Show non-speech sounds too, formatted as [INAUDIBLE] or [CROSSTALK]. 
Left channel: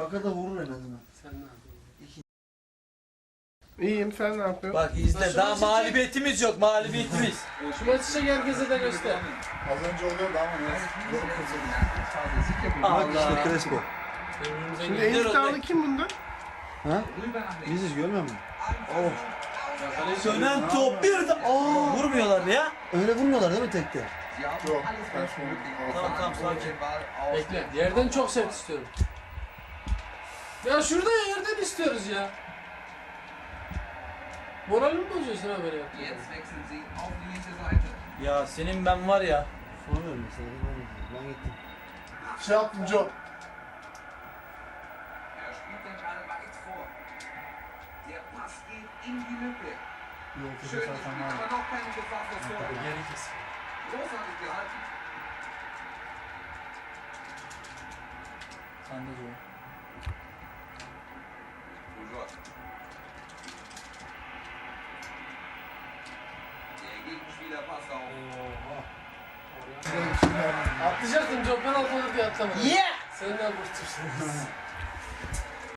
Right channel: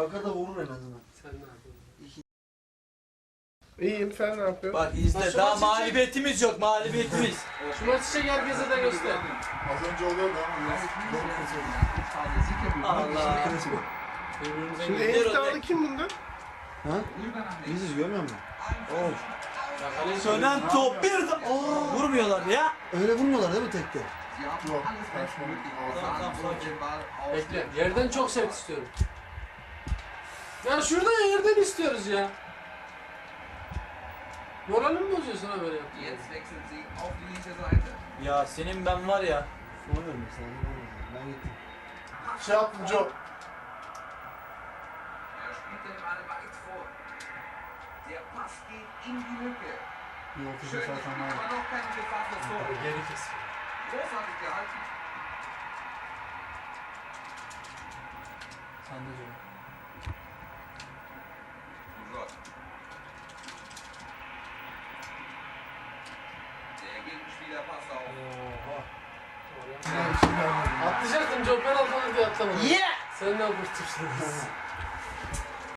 Kaka da vurur en azından. Sen ne yapıyorsun? İyiyim Burası... sen ne yapıyorsun? Bak izle Başıma daha çiçek. mağlubiyetimiz şey... yok mağlubiyetimiz. [LAUGHS] Şuna çiçek herkese de göster. Az önce oluyor daha mı? Allah Allah. Allah Allah. Şimdi en sağlık kim bunda? Ha? Biziz görmüyor musun? Oh. Sönen top bir de Oo. vurmuyorlar ya. Öyle vurmuyorlar değil mi tekte? Yok. Bekle. Yerden çok sert istiyorum. Ya şurada yerden istiyoruz ya. Moralimi bozuyor sana böyle yaptığı. Ya. Ya. ya senin ben var ya. Sormuyorum sana. Ben gittim. Şey yaptım Job. Job. Sen de diyor. Atlayacaktım, çok ben atladım diye atlamadım. Yeah! Sen ne abartırsın?